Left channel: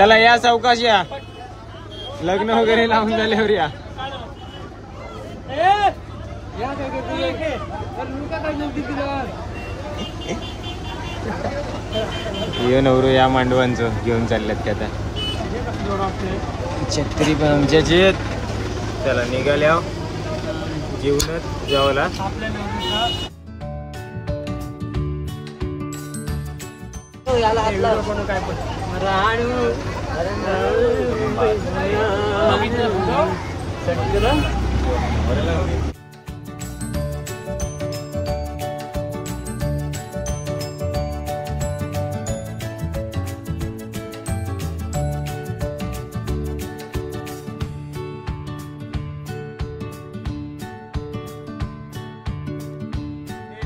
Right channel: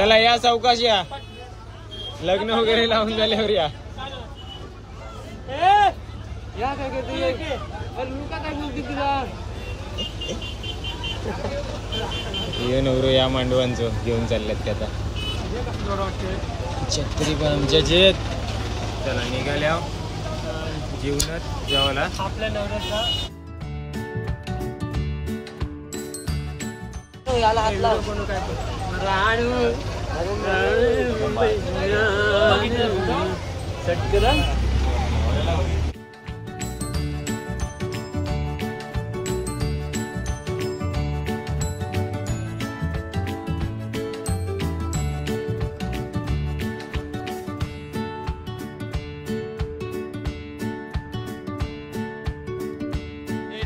चला या सावकाश या, लग्न वगैरे लावून झाल्यावर या. ये नवरो या मांडवांचं घेऊन चालल्यात का आता. छत्री पण आमच्याची. चला निघाल्या जीवनात जेवायला.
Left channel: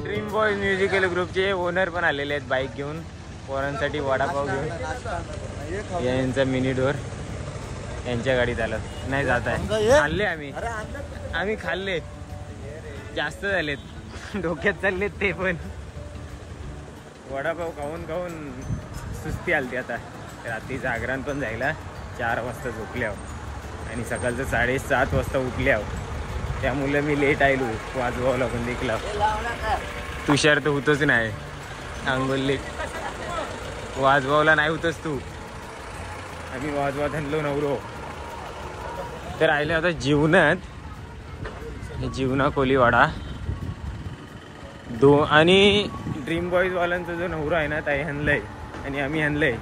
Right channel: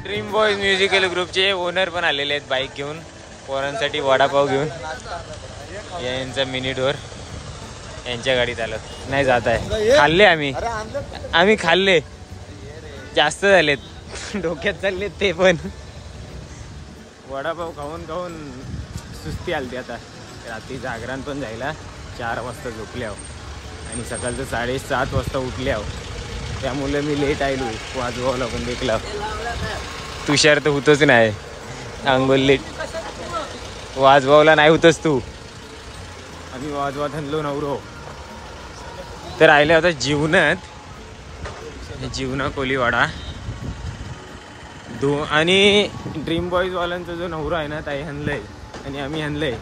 ड्रीम बॉयज म्युझिकल ग्रुपचे ओनर पण आलेले आहेत बाईक घेऊन, पोरांसाठी वडापाव घेऊन. यांचा मिनी डोर यांच्या गाडीत आलं नाही जात आहे. खाल्ले आम्ही खाल्ले, जास्त झालेत, डोक्यात चाललेत ते पण. वडापाव खाऊन खाऊन सुस्ती आलती आता. रात्री जागरण पण जायला 4 वाजता झोपल्यावर आणि सकाळचं 7:30 वाजता उठल्यावर. त्यामुळे मी लेट आलो वाजवावला पण देखला. तुषार तर होतच नाही अंगोल लेट. वाजवावला नाही होतच तू. आम्ही वाजवात आणलो नवरो. तर राहिल्या होता जीवनात, जीवना कोलीवाडा आणि ड्रीम बॉईजवाल्यांचा जो नवरा आहे ना ताई हनलंय आणि आम्ही हनलंय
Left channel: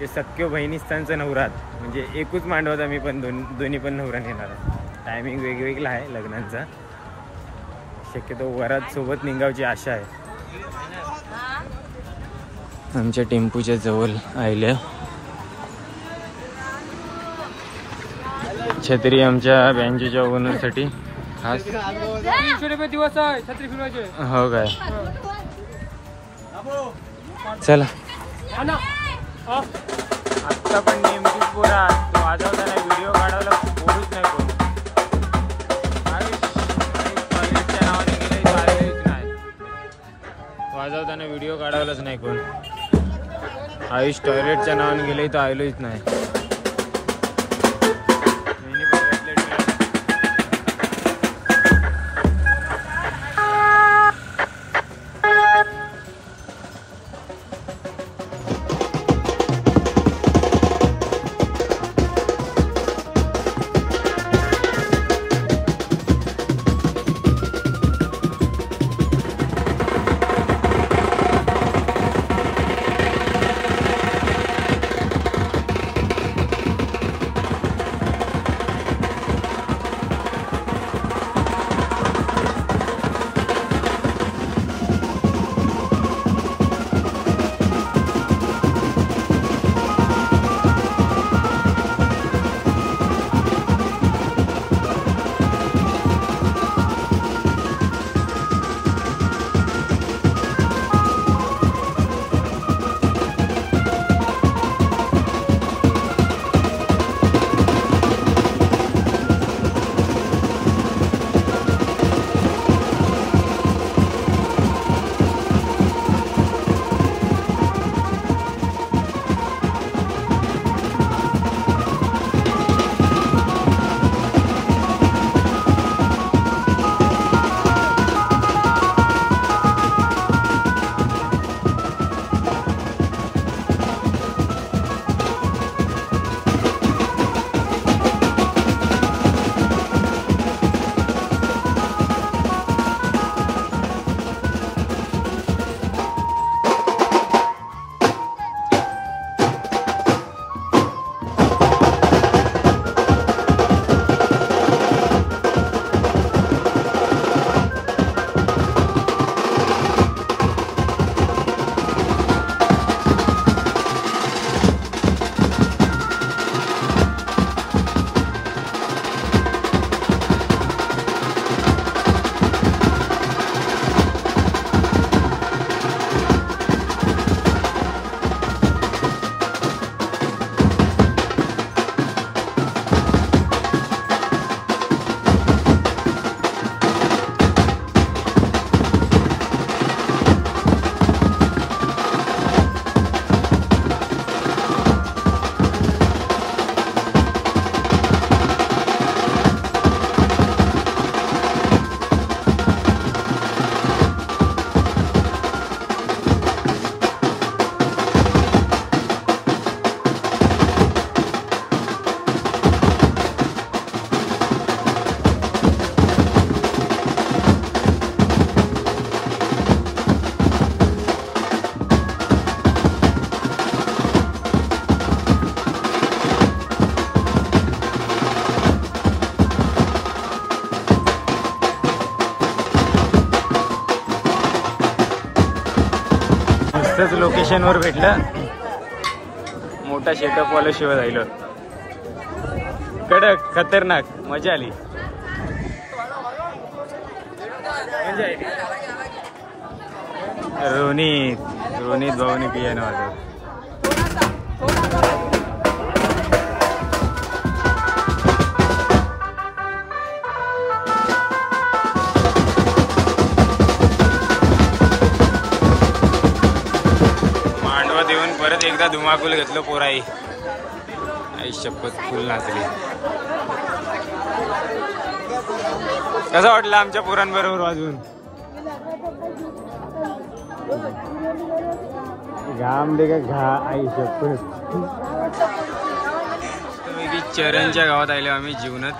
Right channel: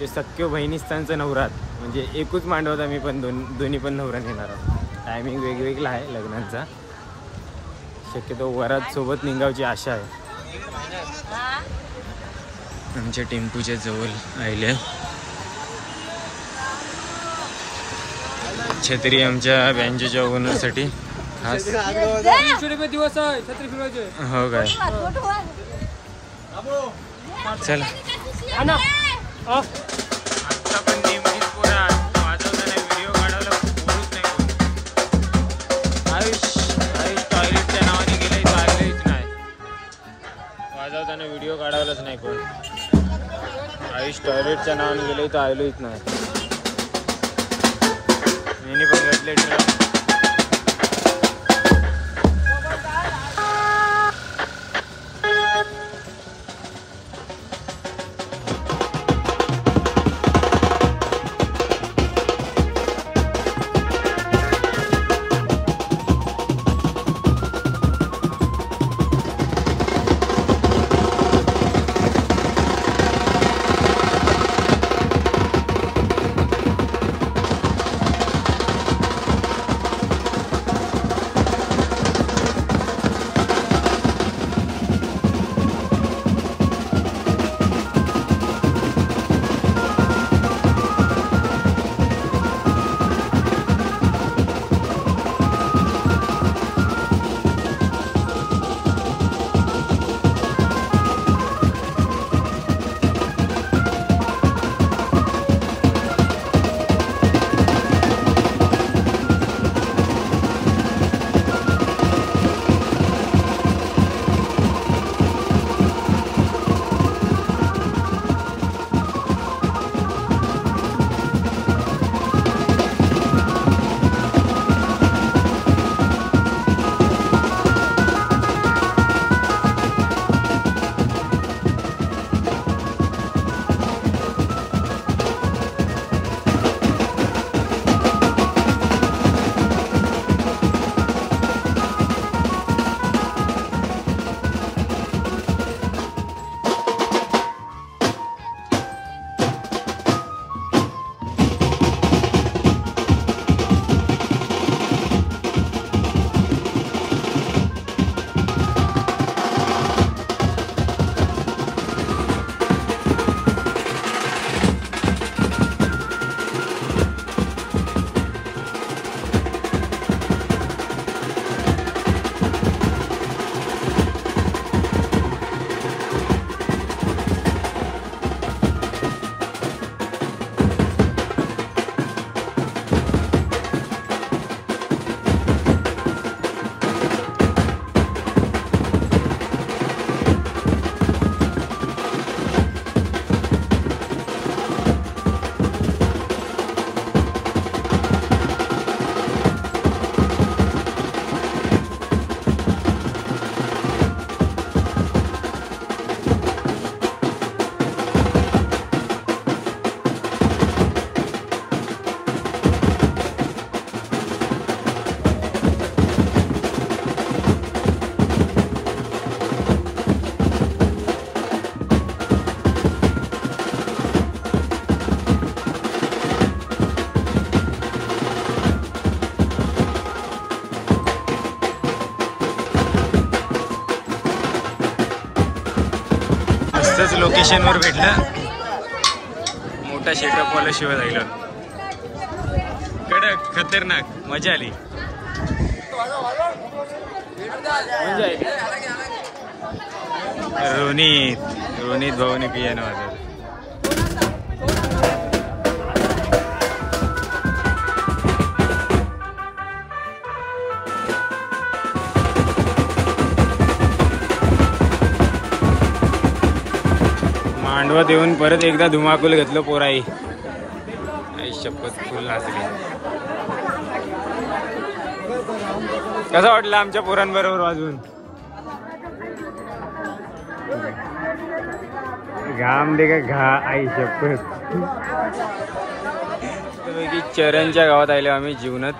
ते सख्यो बहिणीस्थानचा नवरात. म्हणजे एकूच मांडवत आम्ही पण दोन्ही पण नवरा नेणार आहोत. टायमिंग वेगवेगळा आहे लग्नांचा. शक्यतो वरात सोबत निघावची आशा आहे. आमच्या टेम्पूच्या जवळ आल्या. छत्री आमच्या बँजेच्या ओनरसाठी खास. 300 रुपये दिवस आहे छत्री फिरवायचे. हो काय. चला आत्ता पण नेमकीच पोरा वाजवताना व्हिडिओ काढायला बोलूच नाही कोण. आयुष टॉयलेटच्या नावाने गेलंय तो आलेच नाही. वाजवताना व्हिडिओ काढायलाच नाही कोण. आयुष टॉयलेटच्या नावाने गेलंय तो आलेच नाही. असंच लोकेशनवर भेटलं, मोठा सेटअप वाला शिवाय राहिलं. कडक खतरनाक मजा आली. म्हणजे रोनित भाऊने पियानो वाजवलं. मांडवात येऊन परत एकदा धुमाकूल घेतलं पोराई. आई शपथ फुल नाचली. कसं वाटलं आमच्या पोरांबरोबर वाजवून? घाम दे का आई शपथ. की चरणच्या गावात आलो आम्ही. जीवनात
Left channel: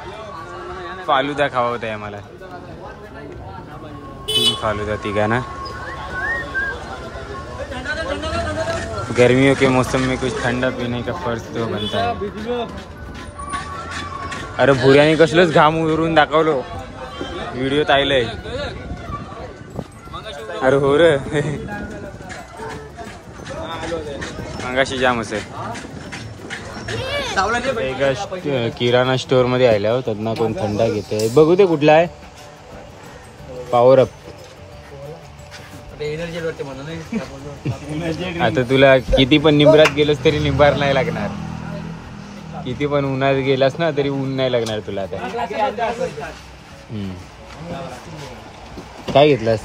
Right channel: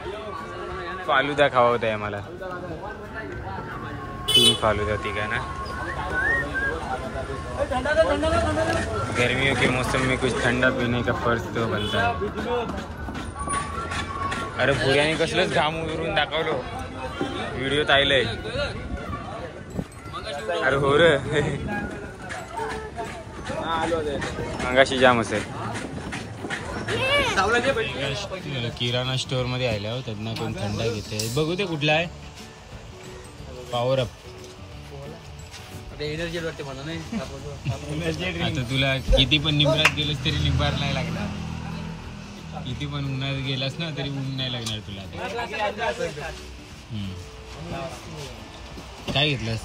फालुदा खावा होता आहे आम्हाला. 3 फालुदा तिघांना. गर्मियों के मौसम में कुछ ठंडा पीने का फर्ज तो बनता है. अरे भुऱ्याने कसलंच घाम उरून दाखवलो व्हिडिओत आलंय. अरे हो रे मंगाशी जाम असेल. एका किराणा स्टोर मध्ये आल्या हो, त्यांना कोण थंडा घेते. बघू ते कुठला आहे. Power up. आता तुला किती पण निंबरात गेलोस तरी निंबार नाही लागणार. किती पण उन्हात गेलास ना तरी ऊन नाही लागणार तुला. आता काय घेतलास?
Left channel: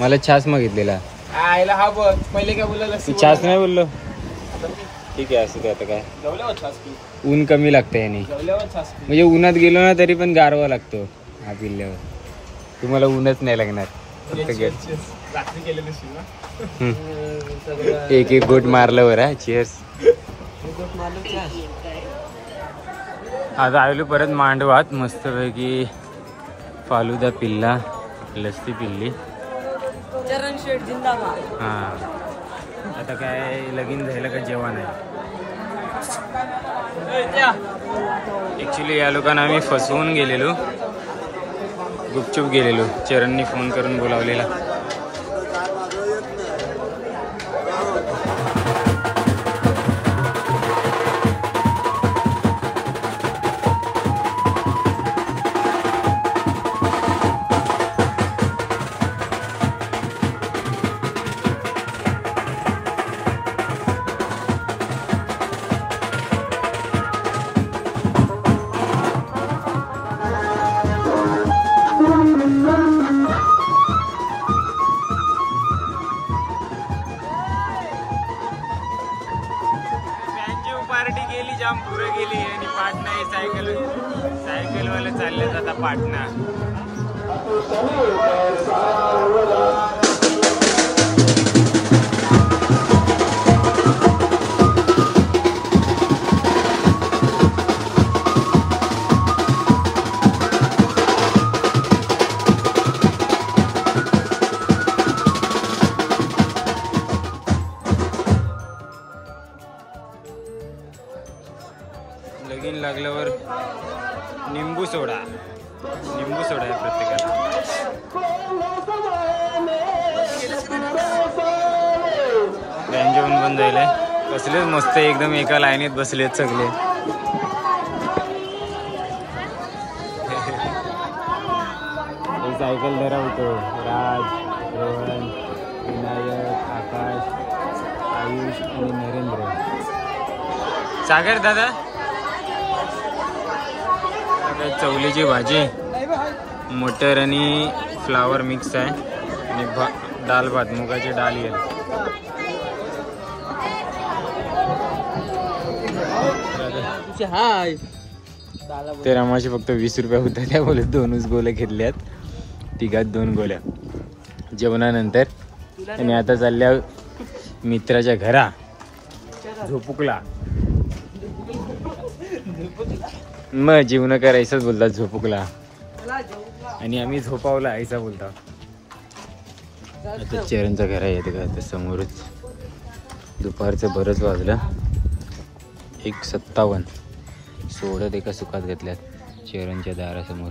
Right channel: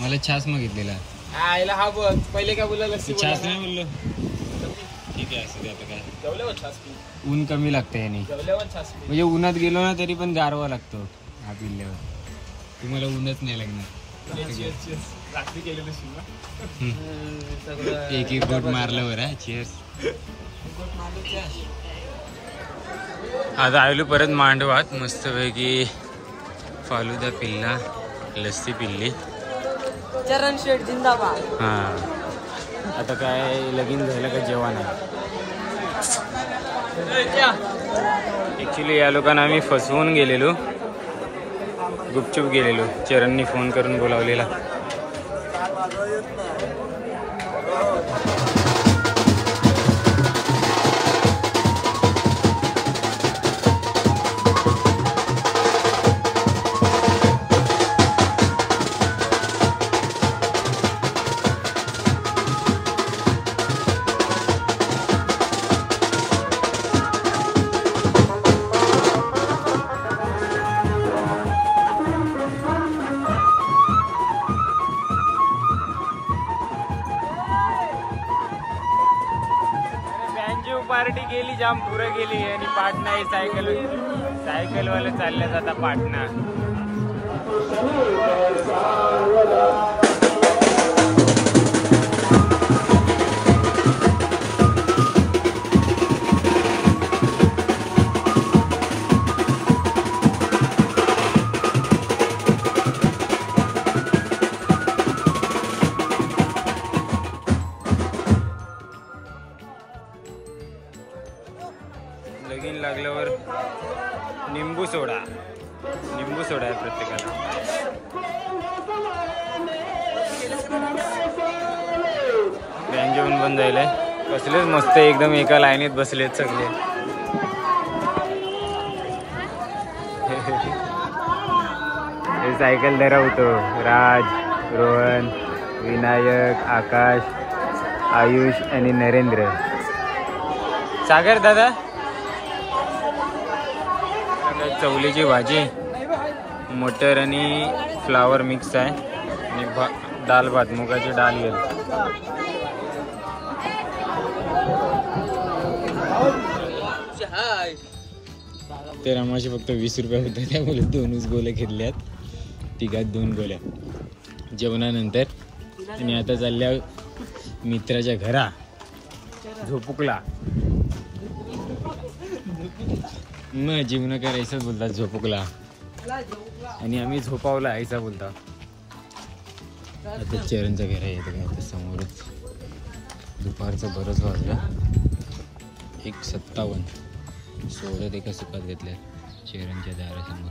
मला छास मागितलेला. हा बघ पहिले काय बोलला? छास नाही बोललो. ठीक आहे असं ते. आता काय ऊन कमी लागतं याने. म्हणजे उन्हात गेलो ना तरी पण गारवा लागतो हा पिल्ल्यावर. तुम्हाला ऊनच नाही लागणार. एक गोट मारलं बरं. चिअर्स. आता आलो परत मांडवात. मस्तपैकी फालुदा पिल्ला, लस्सी पिल्ली. चरण शेठ जिंदाबाद. हा आता काय लगीन झालं का जेवण आहे. ऍक्च्युली या लोकांना आम्ही फसवून गेलेलो. गुपचूप गेलेलो. चरणनी फोन करून बोलावलेला. पार्टी गेली जाम पुरं गेली. आणि पाटणा सायकलवाले चालले आता पाटणा. लगीन लागल्यावर निंबू सोडा आहे प्रत्येकाला. बँक जेवण बंद झालंय. कसलेच मस्त एकदम एका लाईनीत बसलेत सगळे. हे सायकल धरवतो. राज, रोहन, विनायक, आकाश, आयुष आणि नरेंद्र. सागर दादा. चवलीची भाजी, मटर आणि फ्लावर मिक्स आहे. आणि दाल भात, मुगाची डाळ येईल. ते रमाशी फक्त 20 रुपये होता. त्या बोलत 2च गोल्या घेतल्यात. तिघात 2 गोल्या जेवणानंतर. आणि आता चालल्या मित्राच्या घरा झोपुकला. मग जीवन करायचंच बोलतात झोपुकला. आणि आम्ही झोपावला ऐसा बोलता. आता चरणचं घर आहे का आता समोरच. दुपारचं बरंच वाजलं. 1:57 सोडत एका सुखात घेतल्यात चरणच्या दारासमोर.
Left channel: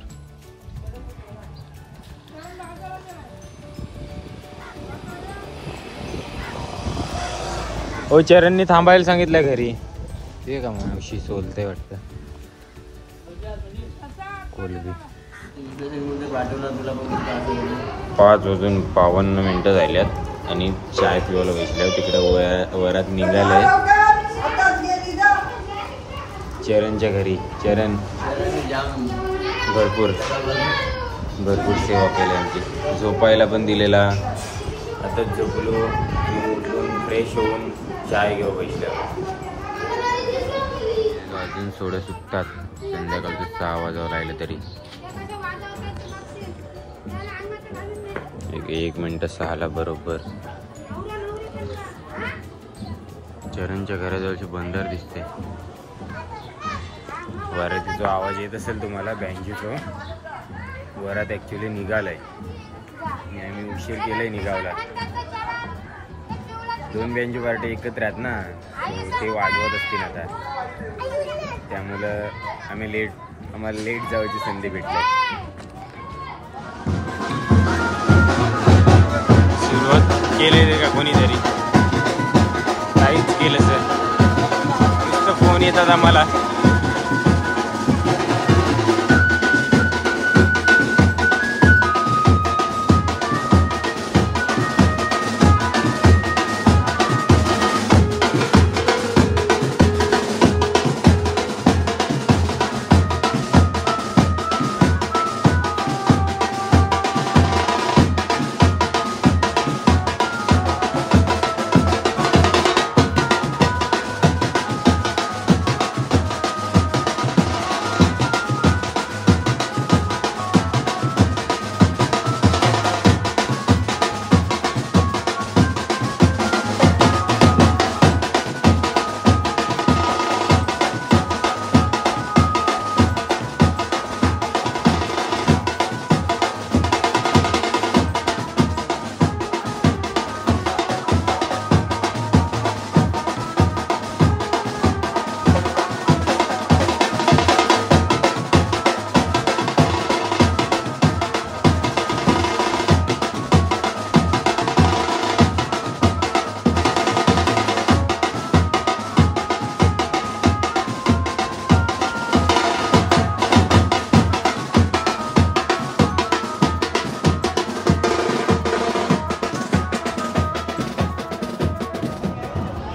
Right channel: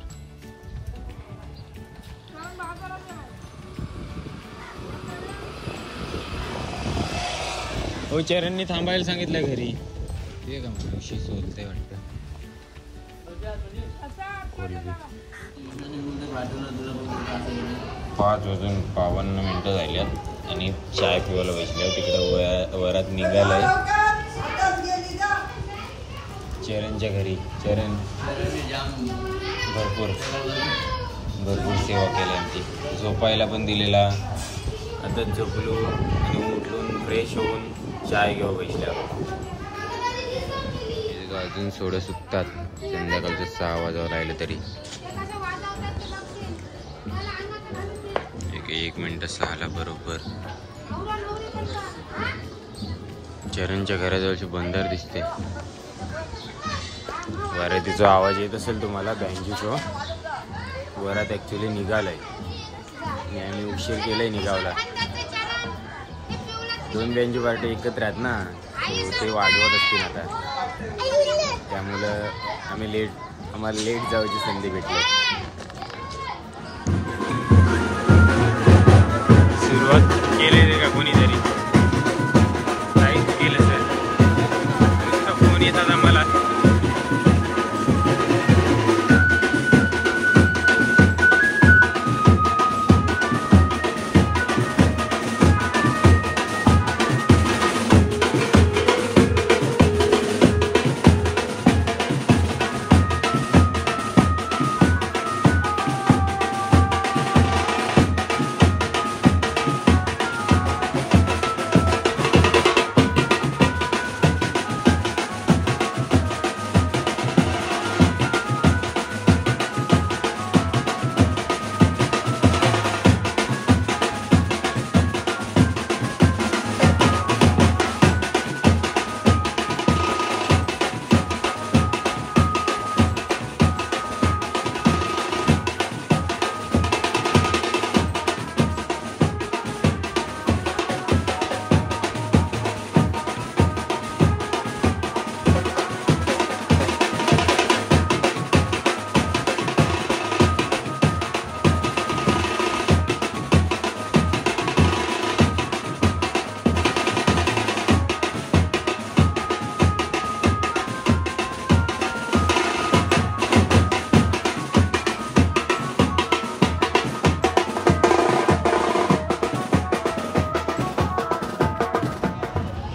हो चरणनी थांबायला सांगितलं घरी. ते का मावशी सोलते वाटतं. 5:52 झाल्यात आणि चाय पिवायला बसल्यावर तिकडे वरात निघालंय चरणच्या घरी. चरण भरपूर सेवा केली आमची. झोपायला पण दिलेला. आता झोपलो आणि उठून फ्रेश होऊन चाय घेऊ बसल्यावर. अजून सोडं सुकतात. संध्याकाळचं 6 वाजावं राहिलं तरी 1 मिनिट 6ला बरोबर. चरणच्या घराजवळची बंदर दिसते. वरातीचा आवाज येत असेल तुम्हाला बँजूचा. वरात ॲक्च्युली निघालाय आणि आम्ही उशीर केलाय निघावला. 2 बँजू पार्टी एकत्र आहेत ना, ते वाजवत असतील आता. त्यामुळं आम्हाला लेट जायची संधी भेटली. सुरुवात केलेली का कोणीतरी काहीच केलं सर. नुसतं फोन येतात आम्हाला.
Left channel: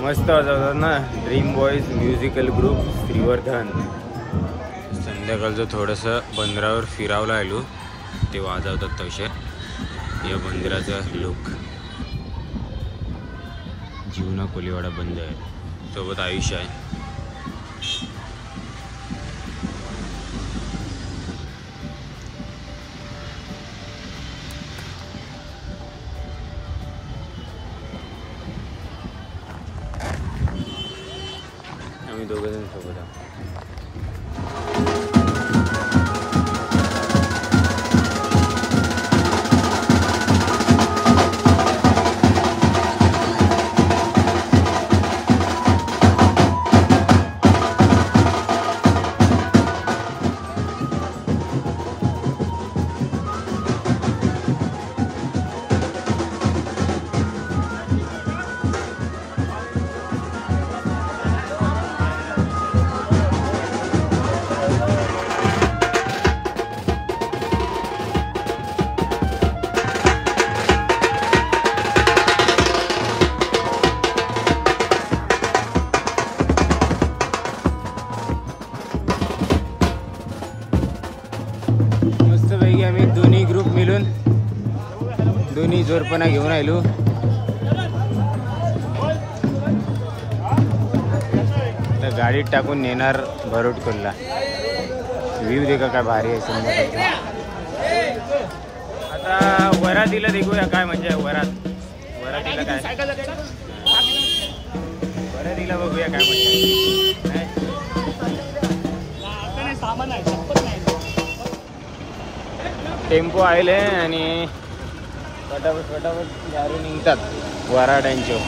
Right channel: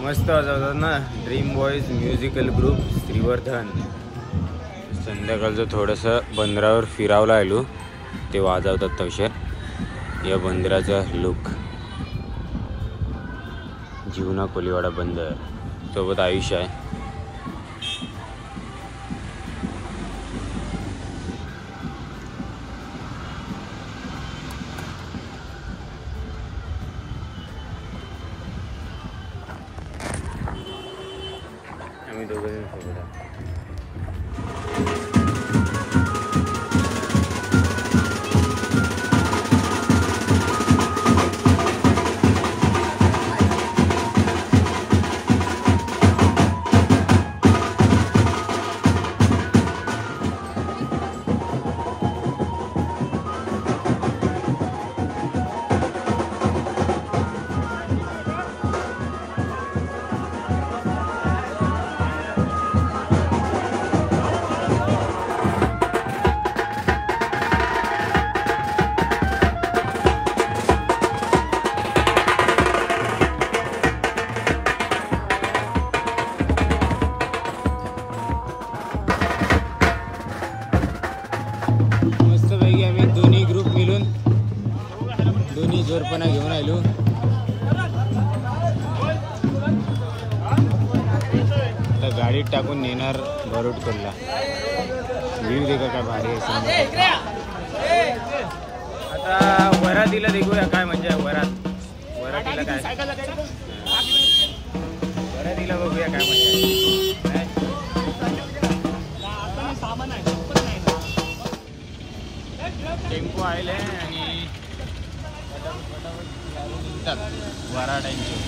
मस्त वाजवतात ना dream boys musical group Shrivardhan. संध्याकाळचं थोडंसं बंदरावर फिरावला आलो. ते वाजवतात तवशे. या बंदराचा लुक. जीवना कोलीवाडा बंदर सोबत आयुष्य आहे. आम्ही दोघंजण सोबत आहोत. मस्तपैकी आम्ही दोन्ही ग्रुप मिळून दोन्ही जोरपणा घेऊन आलो. तर गाडीत टाकून नेणार भरूडकोलला. व्ह्यू देखा काय भारी आहे. आता वरातीला देखूया काय म्हणजे वरातीला काय वरातीला बघूया काय म्हणजे. टेम्पो आले आणि फटाफट गाडी निघतात वराड्यांचे.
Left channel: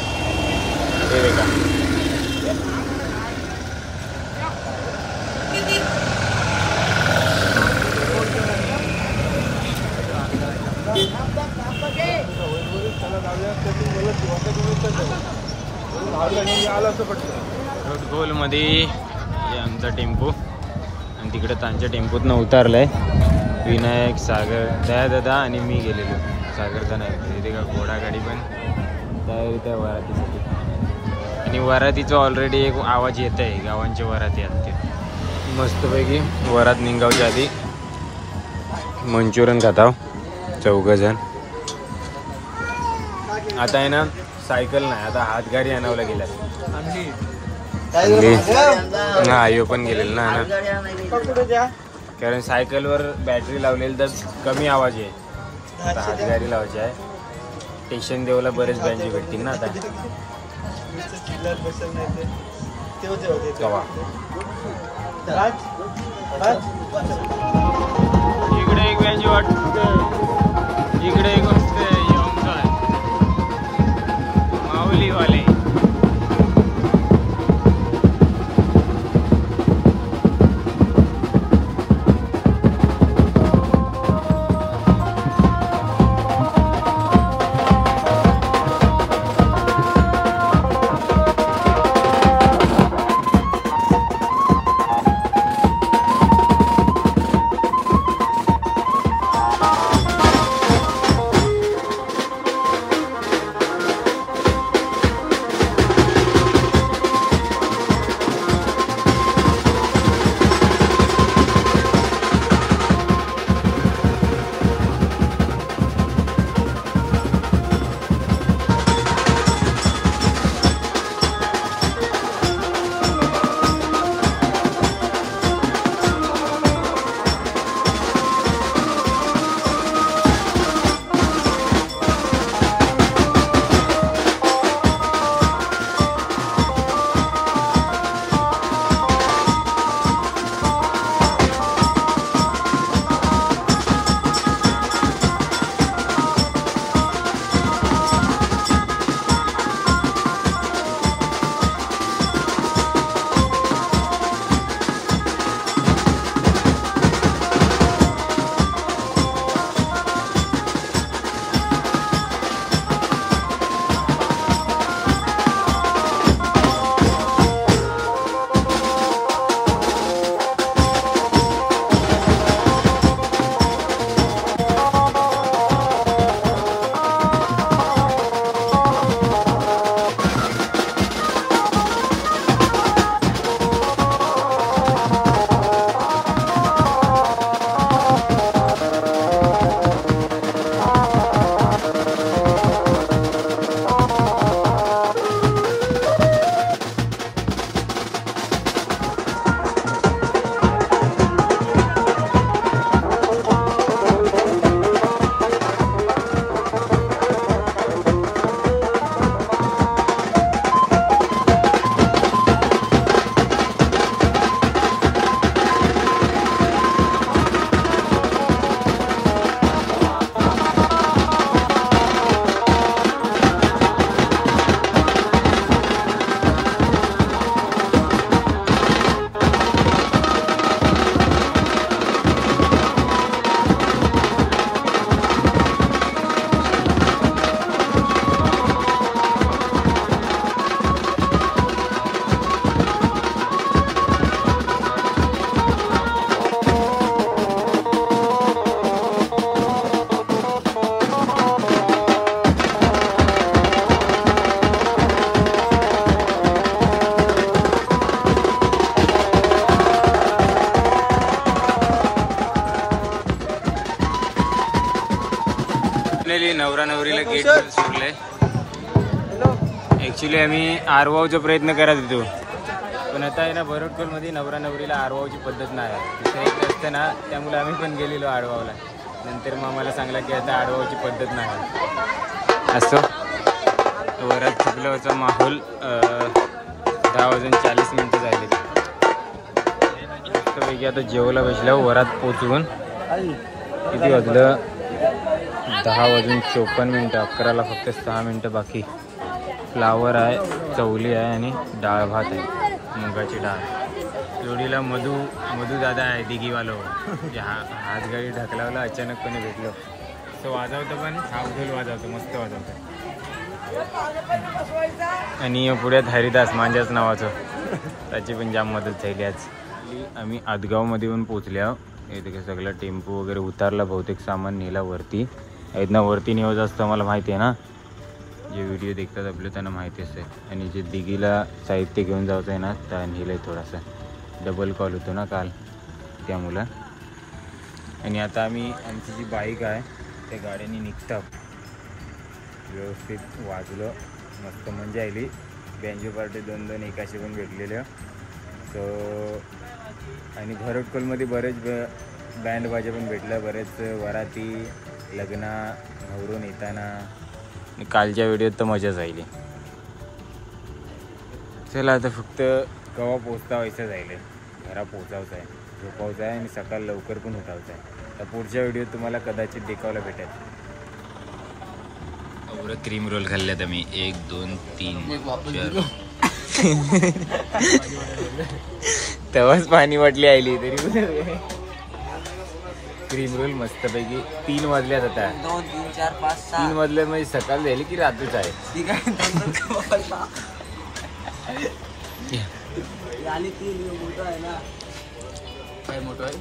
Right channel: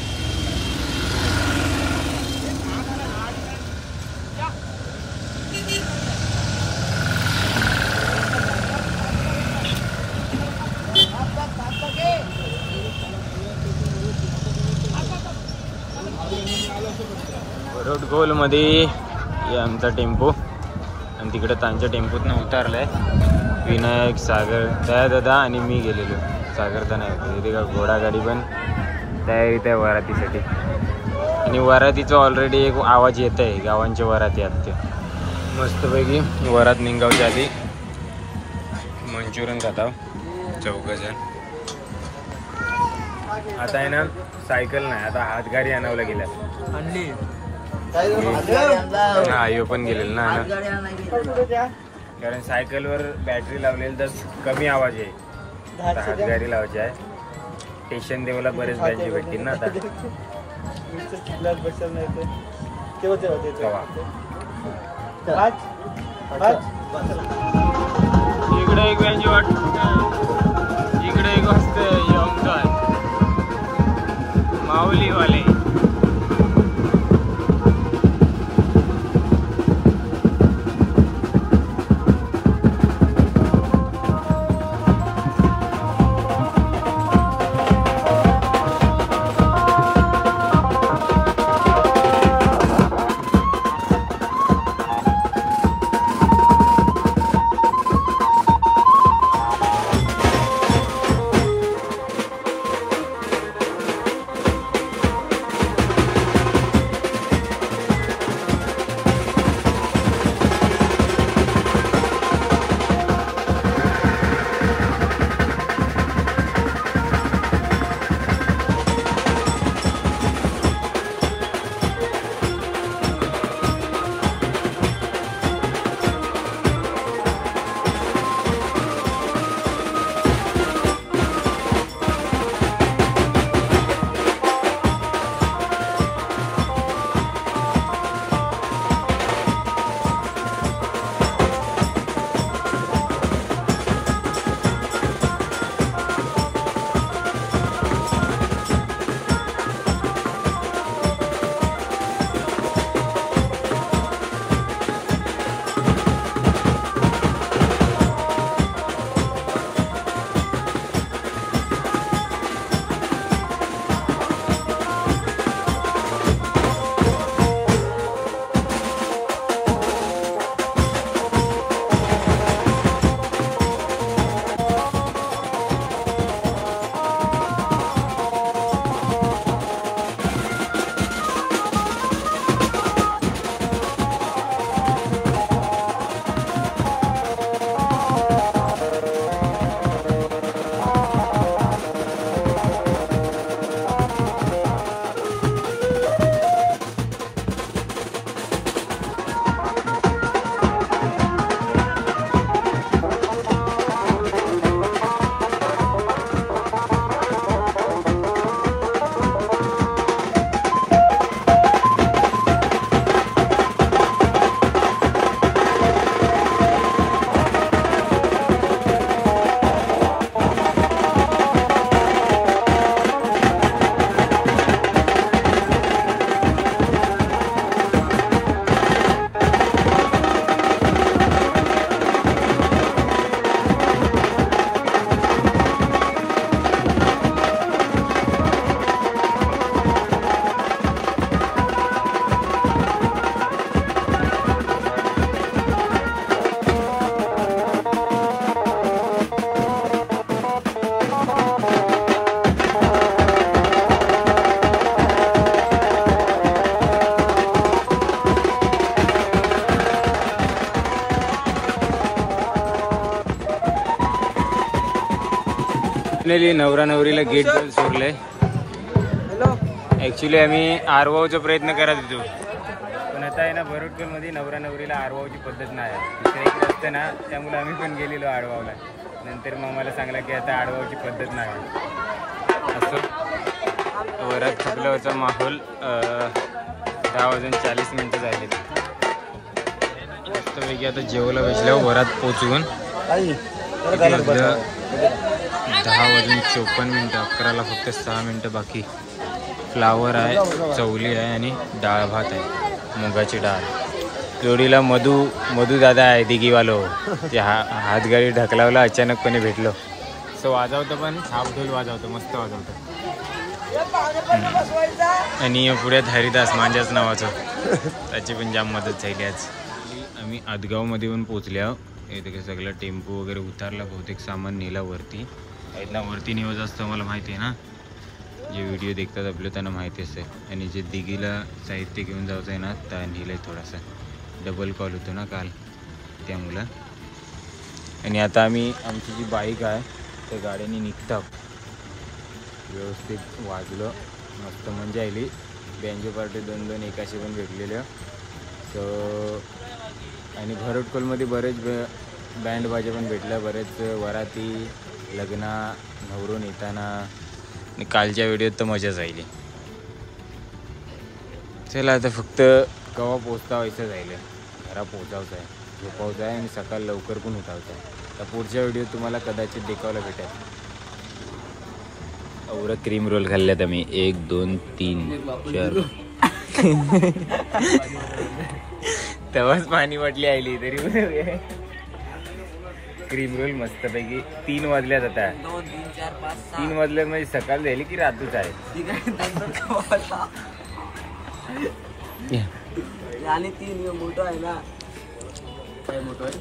खोलमध्ये आमचा टेम्पो आणि तिकडे त्यांच्या टेम्पोतनं उतरलाय विनायक, सागर, दादा आणि मी गेलेलो. सागरचा नाही होतं. इथे का घोडागाडी पण तयारीत आहे वरातीसाठी. आणि वरातीचा ऑलरेडी एक आवाज येत आहे. गावांचे वराती आहेत ते मस्तपैकी. वरात निघावच्या आधी मंचुरियन खाताव 4 जण. आता आहे ना सायकल नाही, आता हातगाडी आणावला गेल्या. हा आयो पण गेलेल ना कारण सायकलवर बॅटरी लावलेली तर कमी आवाज आहे. आता हातगाडी लावायची आहे. स्टेशन देवला बरेच बँजी भेटतील ना आता. कवा इकडे एक बँजी वाट, इकडे एक वाजते माऊलीवाले. नवरा नवरीला गेट सोडले. ऍक्च्युली आम्ही आरवावचा प्रयत्न करत होतो पण आता आहे ना बरोटकोलमध्ये नवरा नवरीला आरवावची पद्धत नाही आहे. दुसऱ्याकडे असतं ना त्यामुळे आम्ही पण गेलेलो आडवावला. नंतर मग आम्हाला सांगला की आता आडवावची पद्धत नाही आहे. असं वरात चुकल्यावरचा माहोल 10:40 झाले. मस्तपैकी आता जेवला बसल्यावर वरात पोचवून किती वाजलं 10:54. 11ला फक्त 6 मिनटं बाकी. फ्लावर आहे, चवली आहे आणि डाळ भात आहे, मुगाची डाळ. जोडीला मधू दादा आहे दिघीवालो. जे हातगाडी ढकलावला अचानकपणे भेटलो. सो वाजवतं पण हाफ ढोल वाजवतं, मस्त वाजवतं. आणि पुढ्यात हरिदास मांजाच नावाचं त्याची पण जाम मदत झाली आज. आम्ही आदगावमध्ये येऊन पोचले आहो. इथे काय सगळं टेम्पो वगैरे उतारला, बहुतेक सामान नेला वरती. इथनं वरती नियोज असतं मला माहिती आहे ना, जे व्हिडिओ देखतात आपले त्यांना माहिती असते. आणि जे दिघीला साहित्य घेऊन जायचं आहे ना, त्या नेलं आहे थोडासा. डबल कॉल होतो ना काल त्यामुळं. आणि आता आम्ही आमची जी बाईक आहे त्या गाड्याने निघतो. व्यवस्थित वाजलो, मस्त मजा आली. बँजो पार्टी 2-2 एकाशी पण भेटलेल्या. तर आणि भरटकोलमध्ये बरेच बँड बाजे पण भेटलं, बरेच वराती, लग्ना, नवरून येताना. आणि कालच्या व्हिडिओत तर मजाच राहिली. चला आता फक्त कवा पोचता व्हायचं जाईल, घरा पोचावचं आहे, झोपावचं आहे आणि सकाळ लवकर पण उठावचं आहे. तर पुढच्या व्हिडिओत तुम्हाला कदाचित देखावला भेटेल. एवढं क्रीम रोल खाल्ल्यात आम्ही, 1 2 3 4. तेव्हाच पाणी वाटली आली तरी. क्रीम रोल मस्तपैकी 3 वाजल्यात आता. 2 3 4 5 6 3 वाजल्यात म्हणजे सकाळ झाली की रात्रच आहे. ठीक आहे. आणि 3 मोठं आहे ना, काय मोठं आहे.